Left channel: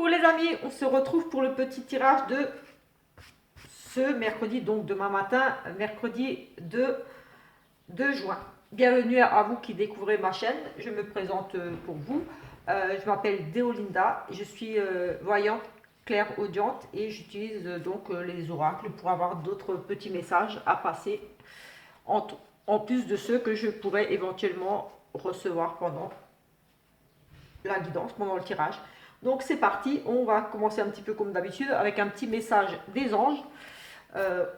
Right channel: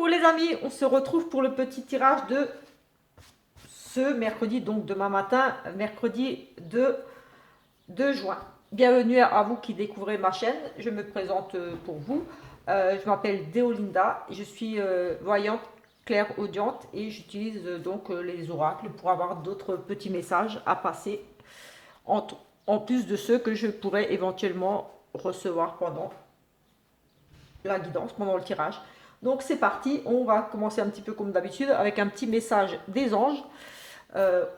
Coucou les amis, on se retrouve pour le petit tirage de ce mercredi, donc demain matin, mercredi 2 juin. Bienvenue à vous qui découvrez ma chaîne, je me présente pour vous. Je m'appelle Deolinda, je suis voyante claire-audiente et j'utilise donc les oracles pour avoir d'autres petits messages à passer en plus de ceux que je pourrais éventuellement recevoir pendant la guidance, pendant le tirage. Donc c'est parti, on va commencer un petit peu comme d'habitude avec un petit message des anges.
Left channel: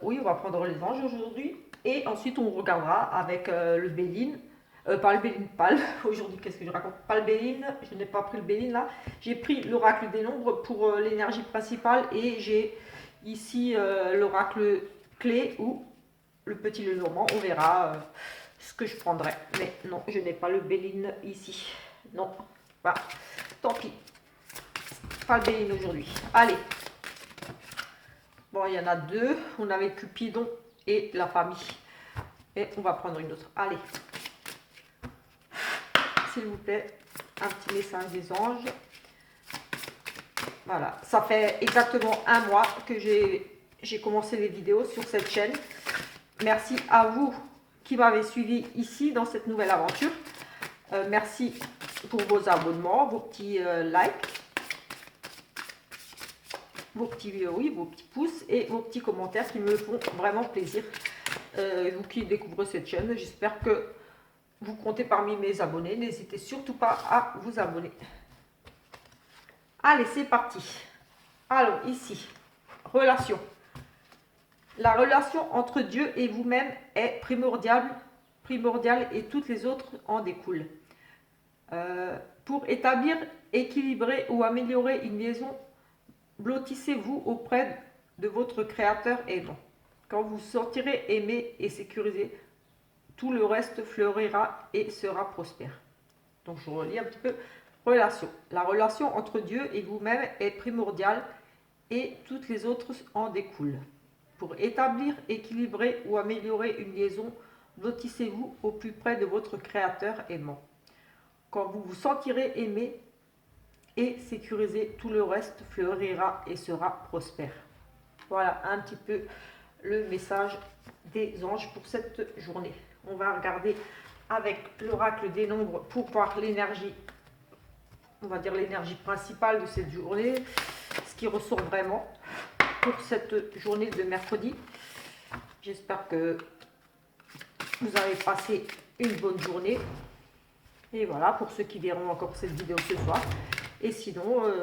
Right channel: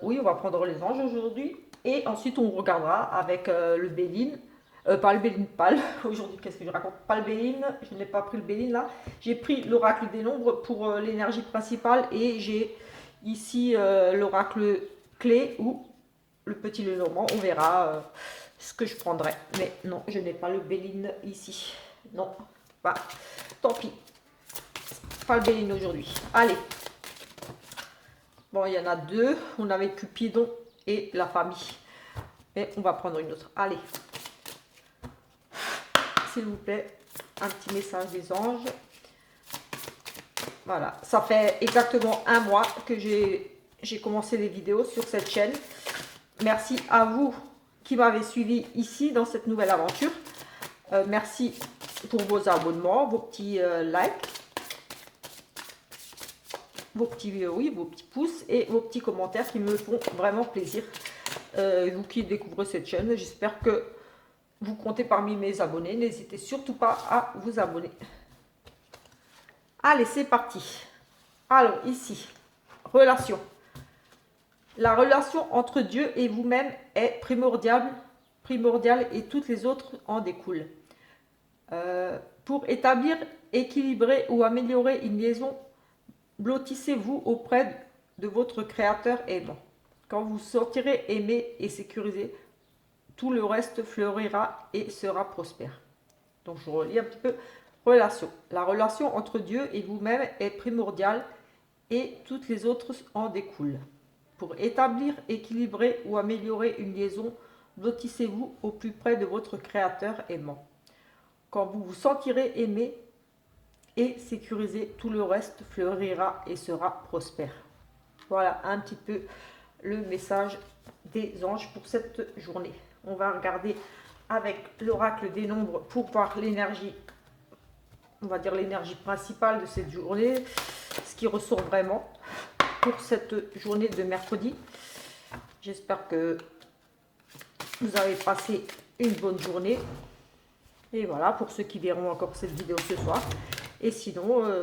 Oui, on va prendre les anges aujourd'hui. Et ensuite on regardera avec le Béline. Pas le Béline pâle. Aujourd'hui, qu'est-ce que je raconte? Pas le Béline, je n'ai pas pris le Béline là. J'ai pris l'oracle des nombres pour l'énergie principale. Et j'ai ici l'oracle clé ou le petit Lenormand. On verra ce que je prendrai. Mais non, je n'ai pas le Béline ici. Non, bah, tant pis. Pas le Béline aujourd'hui. Allez. Bon, il y en a deux. On avait Cupidon et la famille. Et on va prendre une autre. Allez. S'il vous plaît, un petit message des anges. Voilà. Ça fait exactement un mois que j'ai commencé les vidéos sur cette chaîne. Merci à vous qui m'avez suivi ici dans cette nouvelle aventure. Merci pour vos abonnements, vos petits likes. Vos petits pouces et vos petits commentaires qui me font vraiment plaisir. Vous qui découvrez cette chaîne, j'espère que vous comptez parmi mes abonnés. N'hésitez surtout pas à vous abonner. Allez, c'est parti. Alors, ici, relation. La relation entre Dieu et vous-même est primordiale et toutes les autres en découlent. Pour établir, équilibrer ou améliorer une liaison, blottissez-vous auprès de votre créateur aimant. Quand vous sortirez aimé et sécurisé, tout le reste fleurira et sera prospère. Donc je relis un petit peu. Relation. La relation entre Dieu et vous-même est primordiale et toutes les autres en découlent. Pour établir, équilibrer ou améliorer une liaison, blottissez-vous au plus près de votre créateur aimant. Quand vous vous sentirez aimé et sécurisé, tout le reste fleurira et sera prospère. Voilà un petit peu le message des anges pour cette journée. On va regarder avec l'oracle des nombres pour voir l'énergie, on va dire l'énergie principale de cette journée, ce qui ressort vraiment pour cette journée de mercredi. J'espère que vous avez passé une bonne journée. Et voilà, pour ceux qui verront encore cette vidéo ce soir. Et sinon,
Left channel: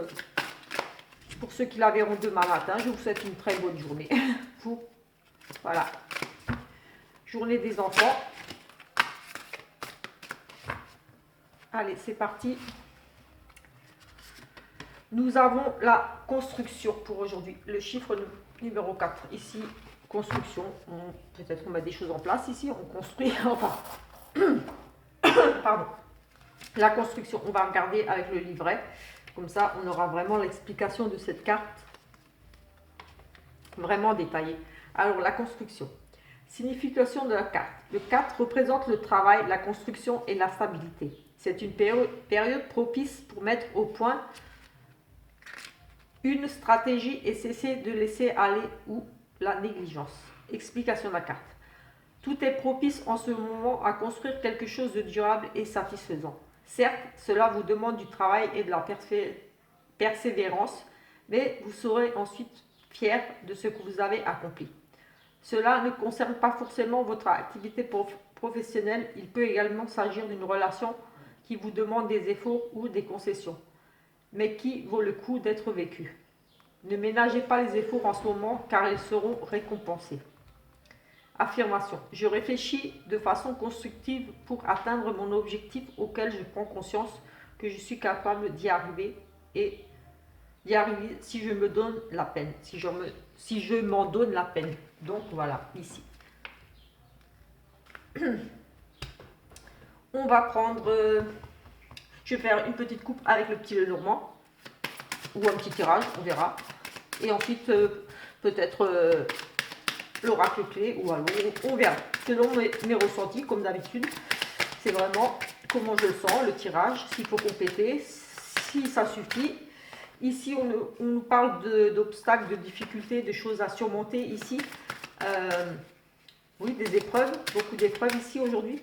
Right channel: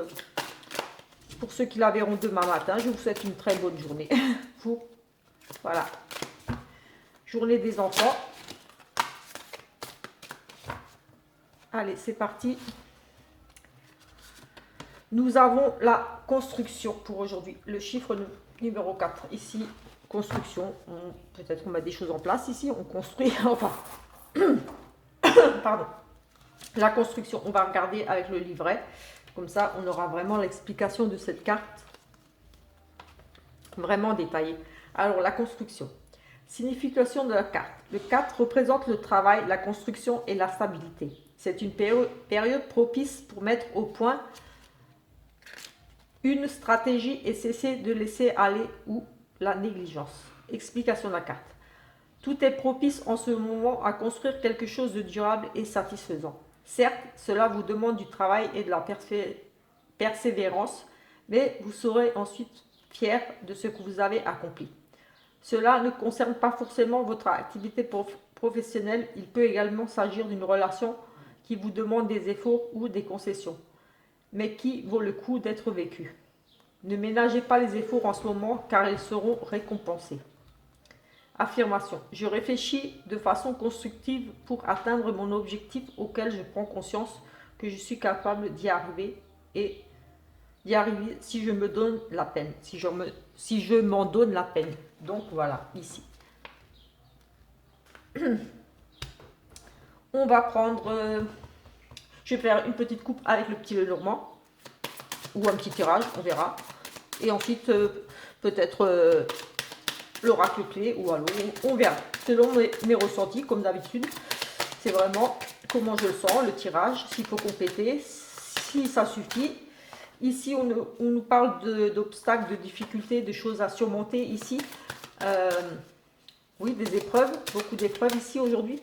pour ceux qui la verront demain matin, je vous souhaite une très bonne journée. Voilà. Journée des enfants. Allez, c'est parti. Nous avons la construction pour aujourd'hui. Le chiffre numéro 4. Ici, construction. Peut-être qu'on met des choses en place ici. On construit. Enfin. Pardon. La construction, on va regarder avec le livret. Comme ça, on aura vraiment l'explication de cette carte vraiment détaillée. Alors, la construction. Signification de la carte. Le 4 représente le travail, la construction et la stabilité. C'est une période propice pour mettre au point une stratégie et cesser de laisser aller ou la négligence. Explication de la carte. Tout est propice en ce moment à construire quelque chose de durable et satisfaisant. Certes, cela vous demande du travail et de la persévérance, mais vous serez ensuite fier de ce que vous avez accompli. Cela ne concerne pas forcément votre activité professionnelle, il peut également s'agir d'une relation qui vous demande des efforts ou des concessions, mais qui vaut le coup d'être vécue. Ne ménagez pas les efforts en ce moment car ils seront récompensés. Affirmation. Je réfléchis de façon constructive pour atteindre mon objectif auquel je prends conscience que je suis capable d'y arriver et d'y arriver si je me donne la peine, si je m'en donne la peine. Donc voilà, ici. On va prendre, je vais faire une petite coupe avec le petit Lenormand ou un petit tirage, on verra. Et ensuite, peut-être l'oracle clé ou alors on verra. Selon mes ressentis, comme d'habitude, c'est vraiment comment je le sens, le tirage, s'il faut compléter, si ça suffit. Ici, on nous parle d'obstacles, de difficultés, de choses à surmonter ici. Euh, oui, des épreuves, beaucoup d'épreuves ici aujourd'hui.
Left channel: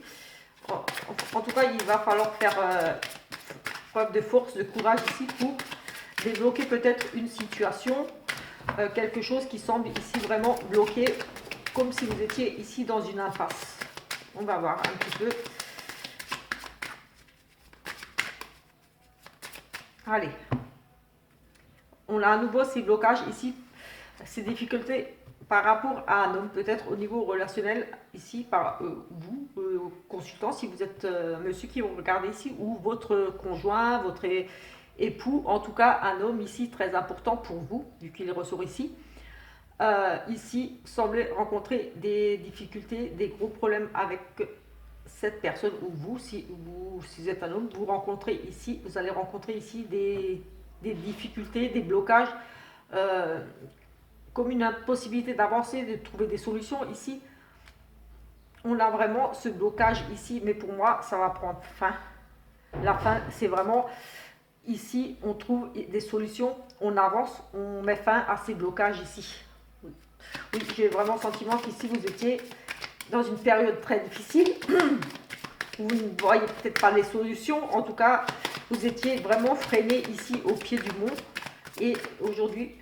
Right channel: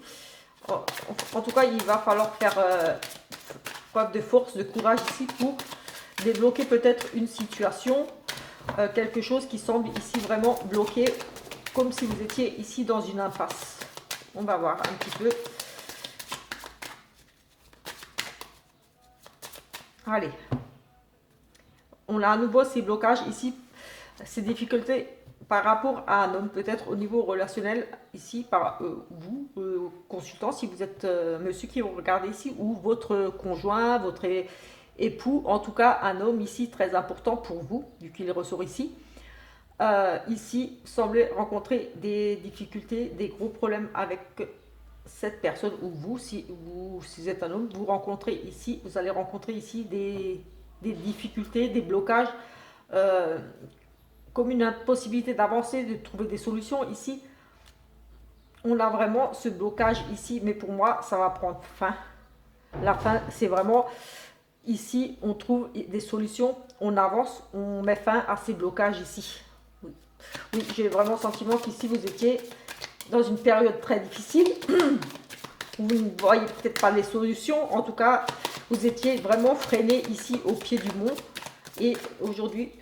En tout cas, il va falloir faire preuve de force, de courage ici pour débloquer peut-être une situation, quelque chose qui semble ici vraiment bloqué, comme si vous étiez ici dans une impasse. On va voir un petit peu. Allez. On a à nouveau ces blocages ici, ces difficultés par rapport à un homme, peut-être au niveau relationnel, ici, par vous, consultant, si vous êtes monsieur qui vous regardez ici, ou votre conjoint, votre époux, en tout cas un homme ici très important pour vous, vu qu'il ressort ici. Ici, semblez rencontrer des difficultés, des gros problèmes avec cette personne, ou vous, si vous êtes un homme, vous rencontrez ici, vous allez rencontrer ici des difficultés, des blocages, euh, comme une impossibilité d'avancer, de trouver des solutions. Ici, on a vraiment ce blocage ici, mais pour moi, ça va prendre fin. La fin, c'est vraiment ici, on trouve des solutions, on avance, on met fin à ces blocages ici. Oui, j'ai vraiment le sentiment qu'ici, vous étiez dans une période très difficile. Vous ne voyez peut-être pas les solutions. En tout cas, vous étiez vraiment freiné ici au pied du mont. Et aujourd'hui,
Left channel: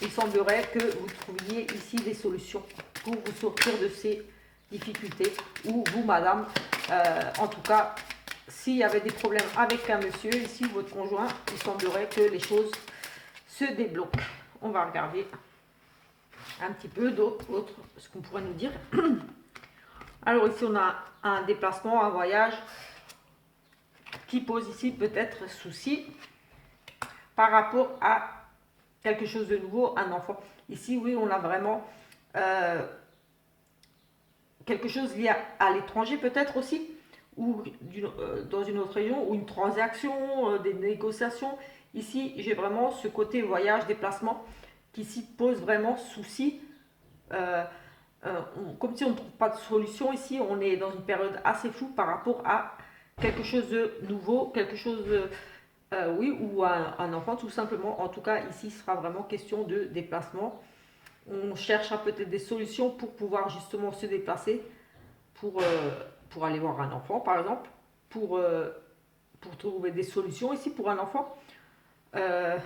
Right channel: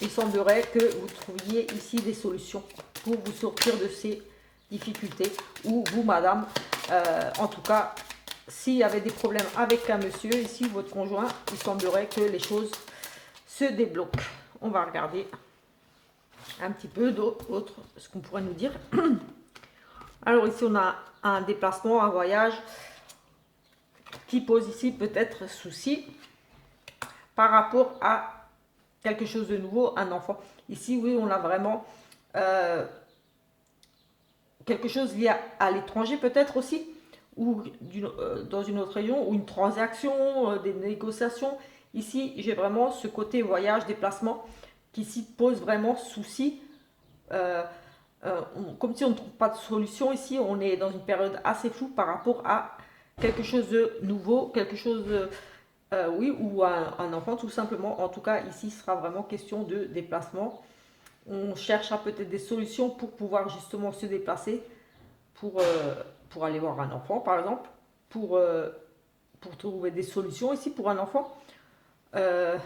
il semblerait que vous trouviez ici des solutions pour vous sortir de ces difficultés. Ou vous, madame, en tout cas, s'il y avait des problèmes avec un monsieur, ici, votre conjoint, il semblerait que les choses se débloquent. On va regarder un petit peu d'autres, ce qu'on pourrait nous dire. Alors ici, on a un déplacement, un voyage qui pose ici peut-être souci par rapport à quelque chose de nouveau, un enfant. Ici, oui, on a vraiment quelque chose lié à l'étranger peut-être aussi, ou dans une autre région, ou une transaction, des négociations. Ici, j'ai vraiment ce côté voyage, déplacement, qui s'y pose vraiment souci. Euh, Comme si on ne trouve pas de solution ici, on est dans une période assez floue par rapport à quelque chose de nouveau, quelque chose de, oui, ou un enfant tout simplement. En tout cas, ici, ce sera vraiment question de déplacement. On cherchera peut-être des solutions pour pouvoir justement se déplacer, pour aller voir un enfant, par exemple, pour trouver des solutions ici pour un enfant. Euh,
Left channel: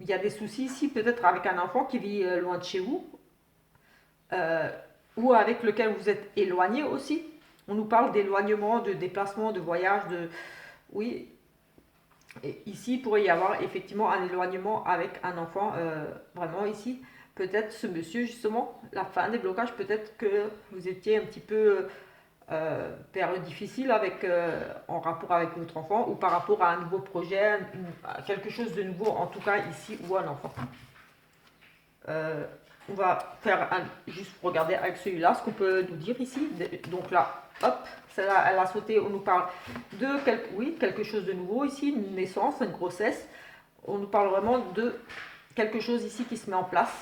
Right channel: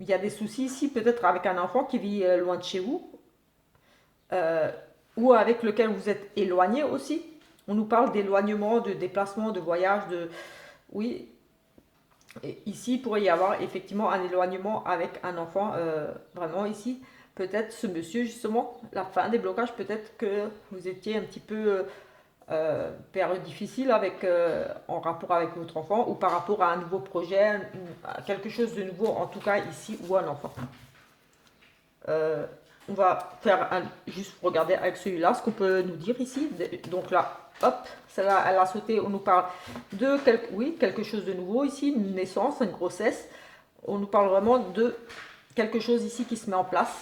il y a des soucis ici, peut-être avec un enfant qui vit loin de chez vous, euh, ou avec lequel vous êtes éloigné aussi. On nous parle d'éloignement, de déplacement, de voyage, de... Oui, et ici, il pourrait y avoir effectivement un éloignement avec un enfant, vraiment ici. Peut-être ce monsieur, justement, la fin des blocages, peut-être que vous étiez un petit peu période difficile avec, en rapport avec votre enfant ou par rapport à un nouveau projet, quelque chose de nouveau, en tout cas ici, ou un enfant. Euh, on va faire juste regarder avec celui-là ce qu'on peut nous dire ici. Donc là, hop, celle-là, elle a sauté, on nous parle de quelque chose de nouveau ici, une naissance, une grossesse. On nous parle vraiment de quelque chose ici qui se met en place.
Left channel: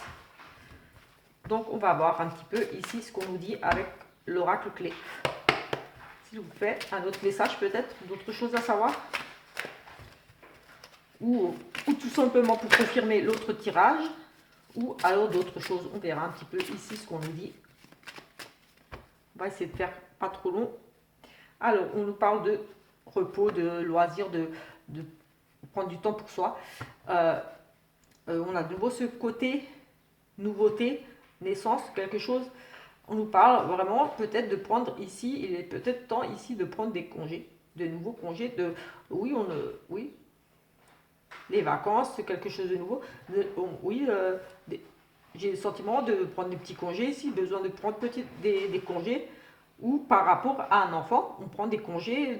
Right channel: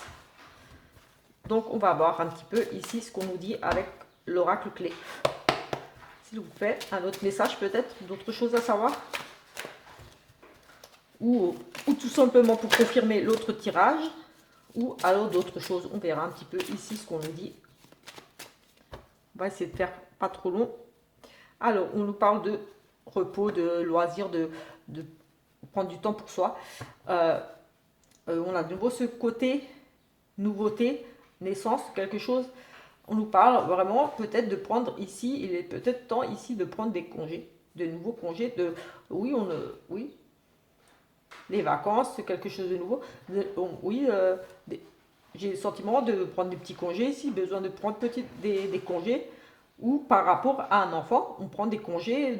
Donc on va voir un petit peu ici ce qu'on nous dit avec l'oracle clé. S'il vous plaît, un autre message peut-être, d'autres choses à savoir, ou tout simplement pour confirmer l'autre tirage, ou alors d'autres choses. On verra un petit peu ici ce qu'on nous dit. On va essayer de faire pas trop long. Alors, on nous parle de repos, de loisirs, de prendre du temps pour soi. On a de nouveau ce côté nouveauté, naissance, quelque chose. On nous parle vraiment peut-être de prendre ici, il est peut-être temps ici de prendre des congés, de nouveaux congés, oui, oui, les vacances, c'est quelque chose de nouveau. Oui, j'ai le sentiment de prendre des petits congés ici, besoin de prendre des congés, ou par rapport à un enfant, on prend des congés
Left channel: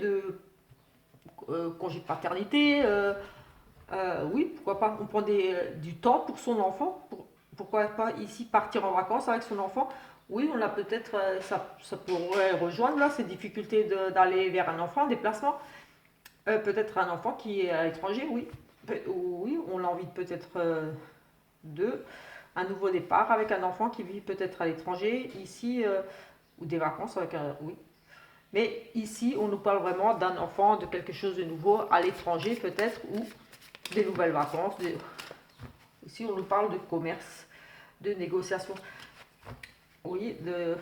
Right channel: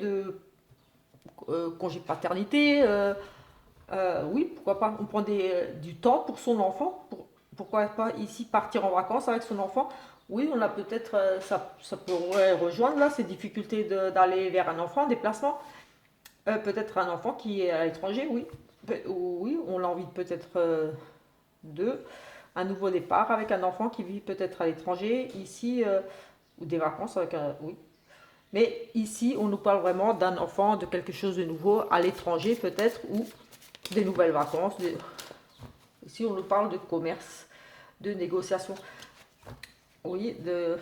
congés de paternité, oui, pourquoi pas, on prend du temps pour son enfant, pourquoi pas ici partir en vacances avec son enfant. Oui, on a peut-être, ça pourrait rejoindre là ces difficultés d'aller vers un enfant, un déplacement. Peut-être un enfant qui est à l'étranger, oui. Oui, on a envie peut-être de un nouveau départ avec un enfant qui vit peut-être à l'étranger, ici, ou des vacances avec un. Oui. Mais ici, on nous parle vraiment d'un enfant, de quelque chose de nouveau à l'étranger peut-être, ou des nouvelles vacances. Ici, on nous parle de commerce, de négociation. Oui, de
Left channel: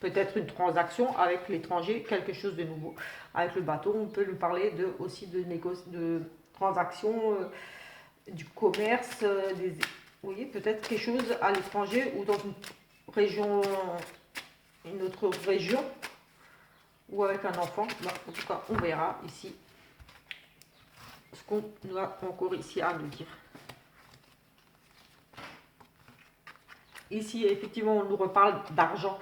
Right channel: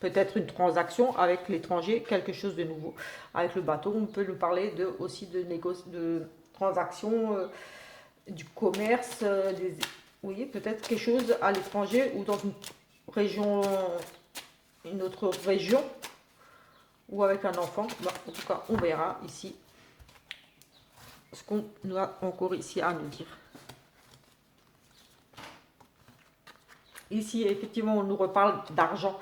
peut-être une transaction avec l'étranger, quelque chose de nouveau. Avec le bateau, on peut lui parler aussi de transactions, du commerce, oui, peut-être quelque chose à l'étranger ou dans région, une autre région ou avec un enfant. Bon, en tout cas, on verra ici ce qu'on a encore ici à nous dire. Ici, effectivement, on nous reparle d'argent.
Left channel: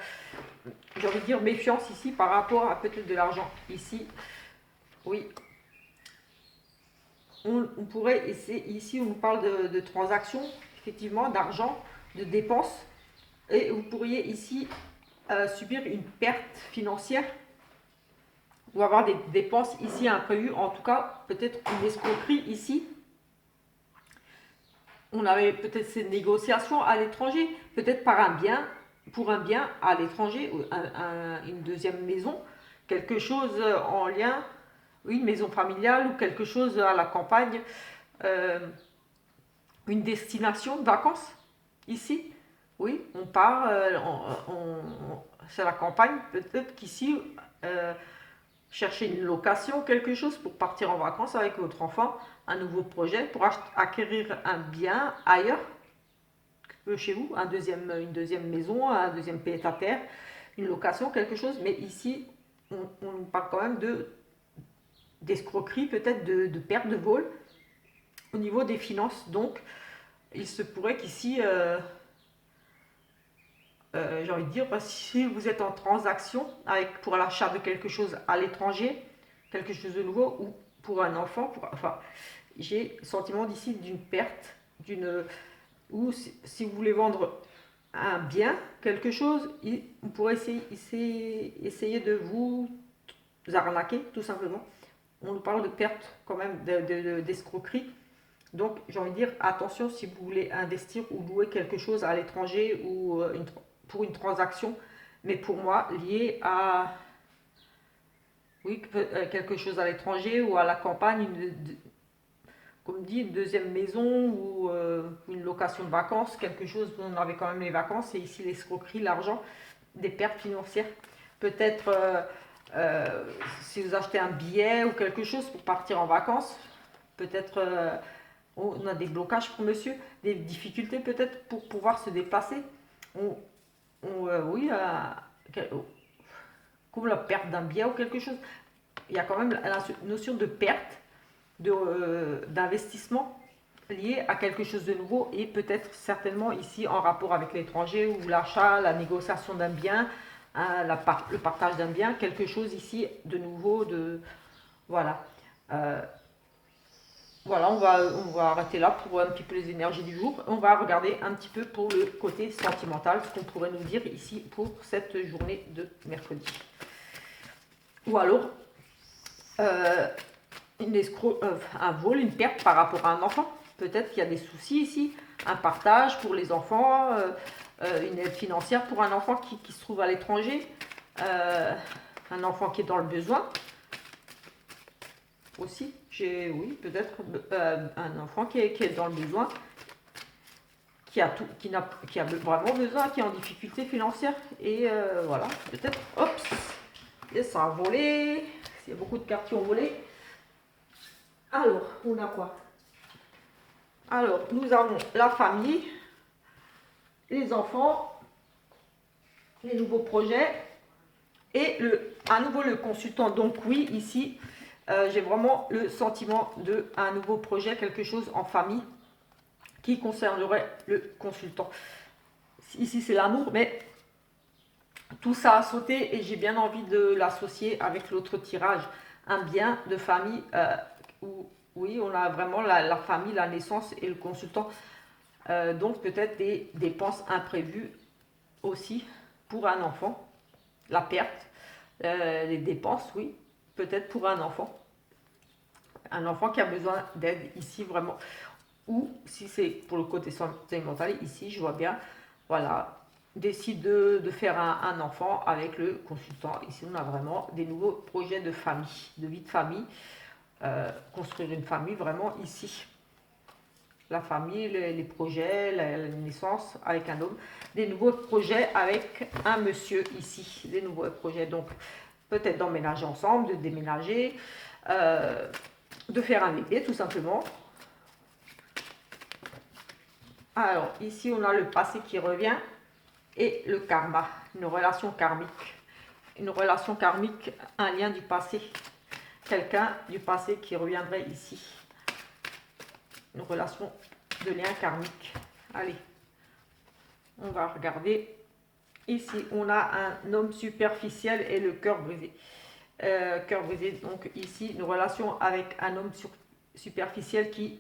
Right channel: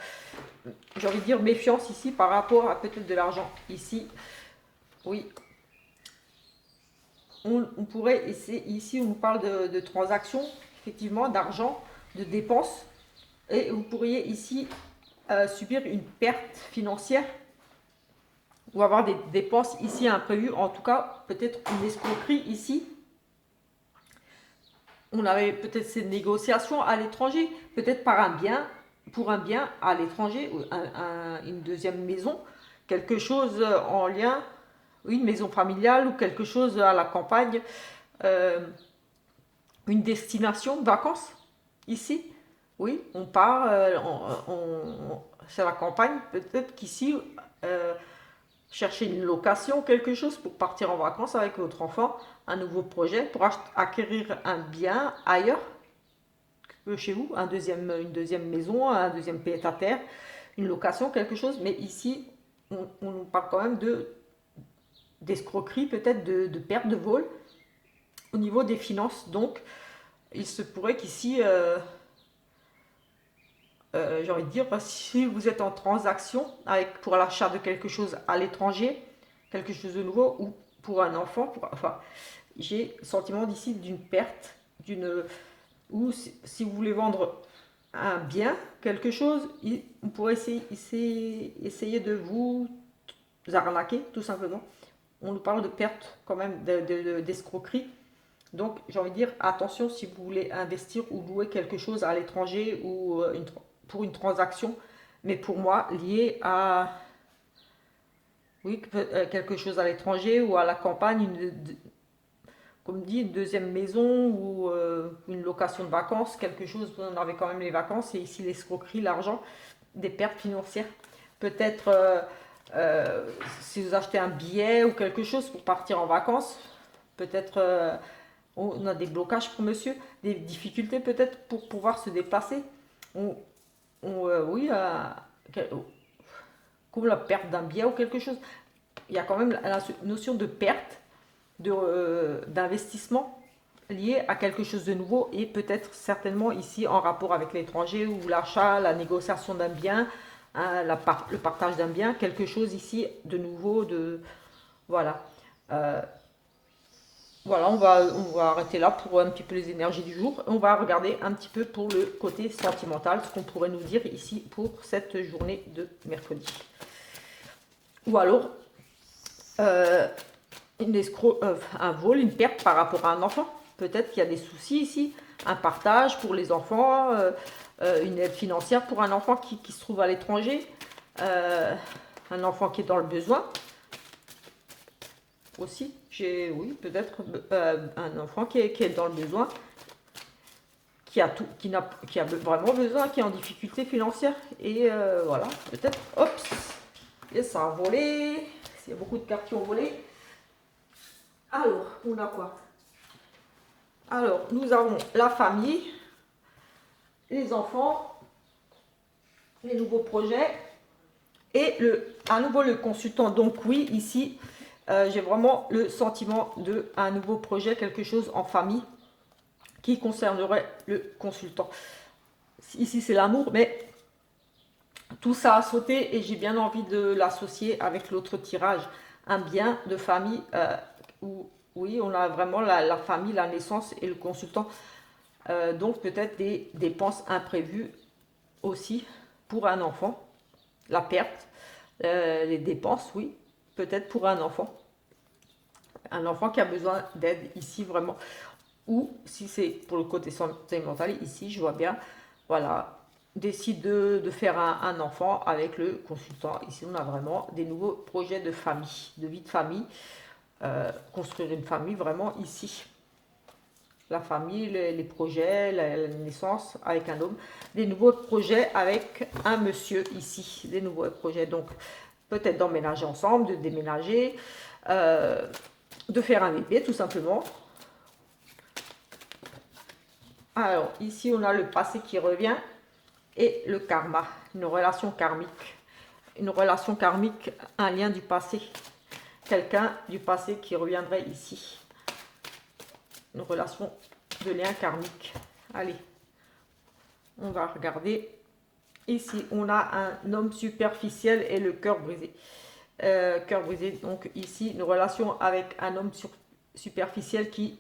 J'ai envie de dire méfiance ici par rapport à peut-être de l'argent. Ici, oui, on pourrait essayer, ici on nous parle de transactions, effectivement, d'argent, de dépenses, et vous pourriez ici subir une perte financière ou avoir des dépenses ici imprévues, en tout cas peut-être une escroquerie ici. On avait peut-être ces négociations à l'étranger, peut-être par un bien, pour un bien à l'étranger, ou une deuxième maison, quelque chose en lien, une maison familiale ou quelque chose à la campagne, euh, une destination de vacances ici. Oui, on part, c'est la campagne, peut-être qu'ici, chercher une location, quelque chose pour partir en vacances avec votre enfant, un nouveau projet pour acquérir un bien ailleurs que chez vous, une deuxième maison, un deuxième pied-à-terre, une location, quelque chose. Mais ici, on parle quand même d'escroquerie, peut-être de perte de vol au niveau des finances. Donc, il se pourrait qu'ici, j'ai envie de dire, si vous êtes en transaction pour l'achat de quelque chose à l'étranger, quelque chose de nouveau, ou pour un enfant, enfin, j'ai le sentiment d'ici d'une perte, ou si vous voulez vendre un bien, quelque chose, on pourrait essayer de vous arnaquer, tout simplement. On nous parle de perte quand même, d'escroquerie. Donc, j'ai envie de dire, attention si vous voulez investir ou louer quelque chose à l'étranger ou pour une transaction, mais pour moi, lié à oui, quelque chose à l'étranger ou à la campagne, comme dit, une deuxième maison ou une location de vacances, quelque chose, on avait quand même les vacances, et ici l'escroquerie, l'argent, des pertes financières. Peut-être si vous achetez un billet ou quelque chose pour partir en vacances, peut-être on a des blocages pour monsieur, des difficultés peut-être pour pouvoir se déplacer. Oui, comme la perte d'un billet ou quelque chose. Il y a quand même la notion de perte, d'investissement lié à quelque chose de nouveau et peut-être certainement ici en rapport avec l'étranger ou l'achat, la négociation d'un bien, hein, le partage d'un bien, quelque chose ici de nouveau, voilà. Euh, voilà, on va arrêter là pour un petit peu les énergies du jour. On va regarder un petit peu pour le côté sentimental, ce qu'on pourrait nous dire ici pour cette journée de mercredi. Ou alors, euh, un vol, une perte par rapport à un enfant. Peut-être qu'il y a des soucis ici, un partage pour les enfants, une aide financière pour un enfant qui se trouve à l'étranger, un enfant qui est dans le besoin aussi. Oui, peut-être un enfant qui est dans le besoin, qui a vraiment besoin, qui est en difficulté financière. Et voilà, peut-être, hop, et ça a volé. Il y a beaucoup de cartes qui ont volé. Alors, on a quoi? Alors, nous avons la famille, les enfants, les nouveaux projets et à nouveau le consultant. Donc oui, ici, j'ai vraiment le sentiment d'un nouveau projet, quelque chose en famille qui concernerait le consultant. Ici, c'est l'amour, mais tout ça a sauté et j'ai bien envie de l'associer avec l'autre tirage, un bien de famille où, oui, on a vraiment la famille, la naissance et le consultant. Donc peut-être des dépenses imprévues aussi pour un enfant, la perte, les dépenses, oui, peut-être pour un enfant qui a besoin d'aide ici vraiment, ou si c'est pour le côté sentimental, ici je vois bien, voilà, décide de faire un enfant avec le consultant. Ici, on a vraiment des nouveaux projets de famille, de vie de famille, construire une famille vraiment ici. La famille, les projets, la naissance avec un homme, des nouveaux projets avec un monsieur ici, des nouveaux projets. Donc, peut-être d'emménager ensemble, de déménager, de faire un bébé tout simplement. Alors, ici, on a le passé qui revient et le karma, une relation karmique. Une relation karmique, un lien du passé. Quelqu'un du passé qui reviendrait ici. Une relation de lien karmique. Allez, on va regarder. Ici, on a un homme superficiel et le cœur brisé. Cœur brisé, donc ici, une relation avec un homme superficiel qui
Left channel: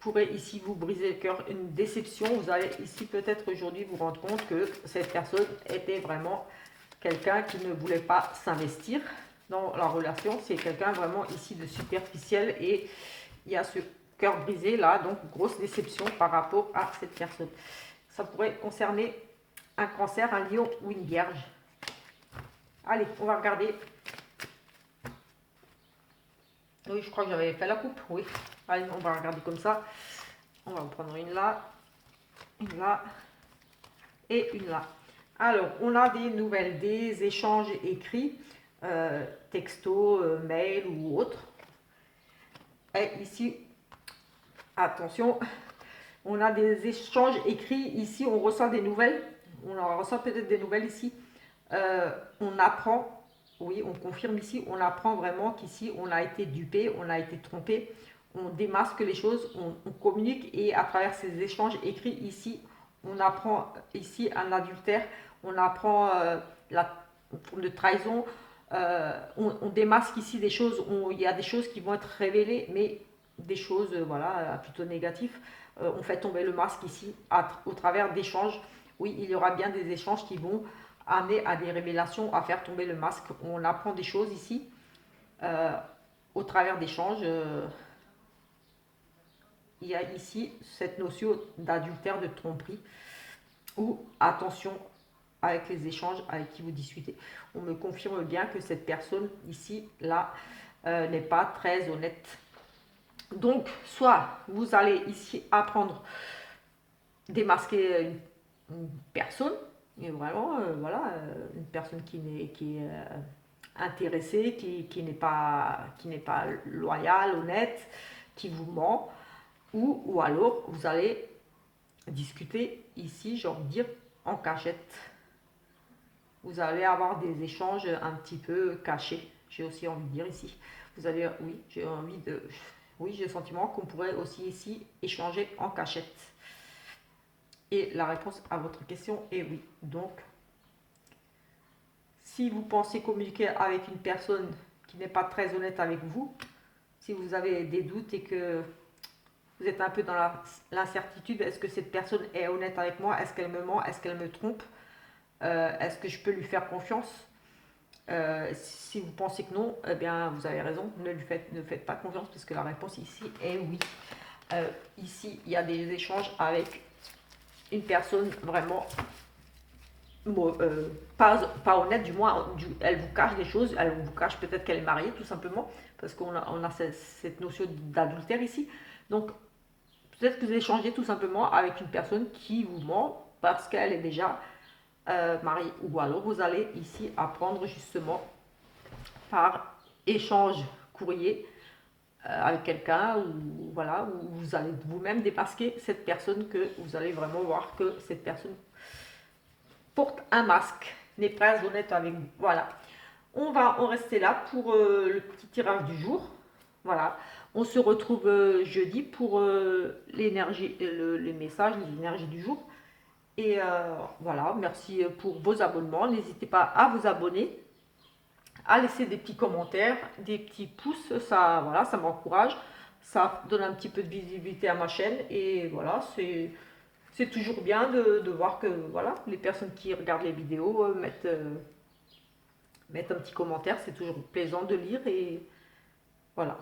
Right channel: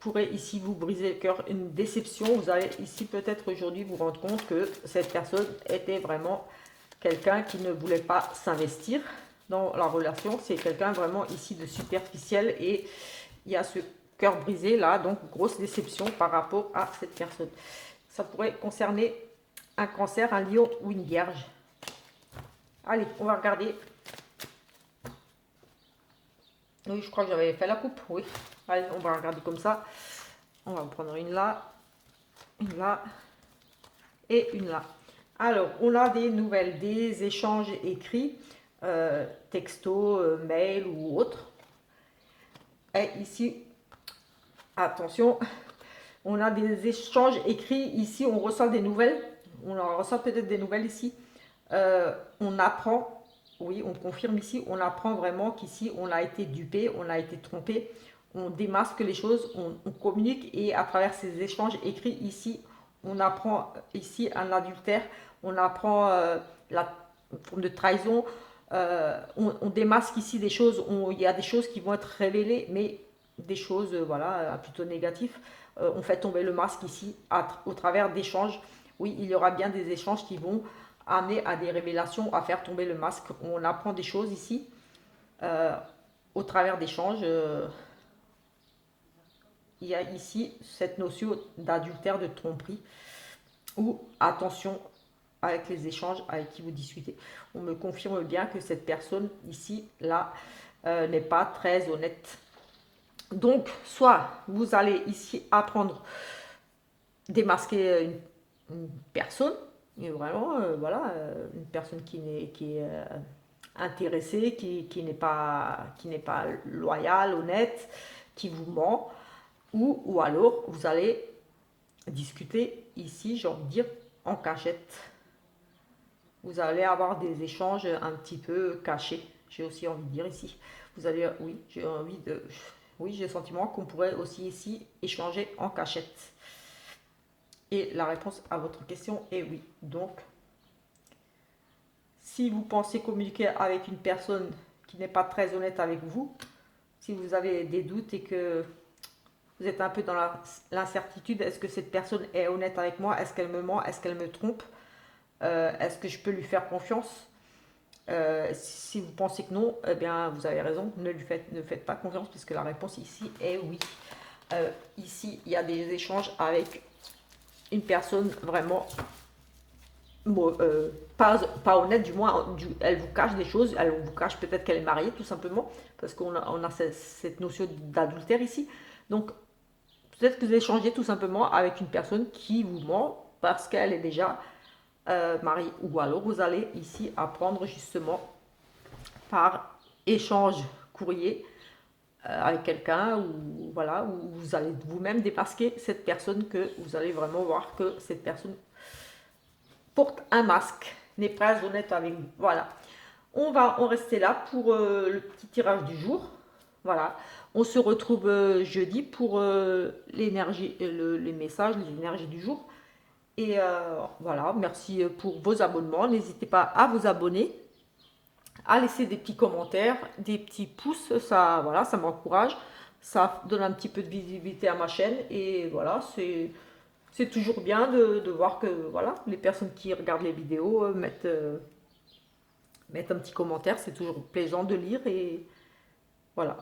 pourrait ici vous briser le cœur, une déception. Vous allez ici peut-être aujourd'hui vous rendre compte que cette personne était vraiment quelqu'un qui ne voulait pas s'investir dans la relation. C'est quelqu'un vraiment ici de superficiel et il y a ce cœur brisé là, donc grosse déception par rapport à cette personne. Ça pourrait concerner un cancer, un lion ou une vierge. Allez, on va regarder. Oui, je crois que j'avais fait la coupe, oui. Allez, on va regarder comme ça. On va en prendre une là et une là. Alors, on a des nouvelles, des échanges écrits, texto, mail ou autre. Et ici, attention, on a des échanges écrits. Ici, on reçoit des nouvelles. On en reçoit peut-être des nouvelles ici. On apprend, oui, on confirme ici, on apprend vraiment qu'ici, on a été dupé, on a été trompé. On démasque les choses, on communique et à travers ces échanges écrits ici, on apprend ici un adultère, on apprend la forme de trahison, on démasque ici des choses, il y a des choses qui vont être révélées, mais des choses voilà, plutôt négatives. On fait tomber le masque ici au travers d'échanges. Oui, il y aura bien des échanges qui vont amener à des révélations, à faire tomber le masque. On apprend des choses ici au travers d'échanges. Il y a ici cette notion d'adultère, de tromperie, ou attention avec les échanges avec qui vous discutez. On me confirme bien que cette personne ici, là, n'est pas très honnête. Donc, soit vous allez ici apprendre à démasquer une personne, et vraiment, voilà, une personne qui est intéressée, qui n'est pas loyale, honnête, qui vous ment, ou alors vous allez discuter ici, j'ai envie de dire, en cachette. Vous allez avoir des échanges un petit peu cachés, j'ai aussi envie de dire ici. Vous allez, oui, j'ai le sentiment qu'on pourrait aussi ici échanger en cachette. Et la réponse à votre question est oui. Donc, si vous pensez communiquer avec une personne qui n'est pas très honnête avec vous, si vous avez des doutes et que vous êtes un peu dans l'incertitude, est-ce que cette personne est honnête avec moi? Est-ce qu'elle me ment? Est-ce qu'elle me trompe? Est-ce que je peux lui faire confiance? Si vous pensez que non, eh bien, vous avez raison, ne faites pas confiance puisque la réponse ici est oui. Ici, il y a des échanges avec une personne vraiment pas honnête, du moins, elle vous cache des choses, elle vous cache peut-être qu'elle est mariée tout simplement, parce qu'on a cette notion d'adultère ici. Donc, peut-être que vous échangez tout simplement avec une personne qui vous ment parce qu'elle est déjà mariée. Ou alors vous allez ici apprendre justement par échange courrier avec quelqu'un, ou voilà, où vous allez vous-même démasquer cette personne, que vous allez vraiment voir que cette personne porte un masque, n'est pas honnête avec vous. Voilà. On va en rester là pour le petit tirage du jour. Voilà. On se retrouve jeudi pour l'énergie, les messages, l'énergie du jour. Et voilà, merci pour vos abonnements. N'hésitez pas à vous abonner, à laisser des petits commentaires, des petits pouces. Ça, voilà, ça m'encourage. Ça donne un petit peu de visibilité à ma chaîne. Et voilà, c'est toujours bien de voir que voilà, les personnes qui regardent les vidéos mettent un petit commentaire. C'est toujours plaisant de lire. Et voilà.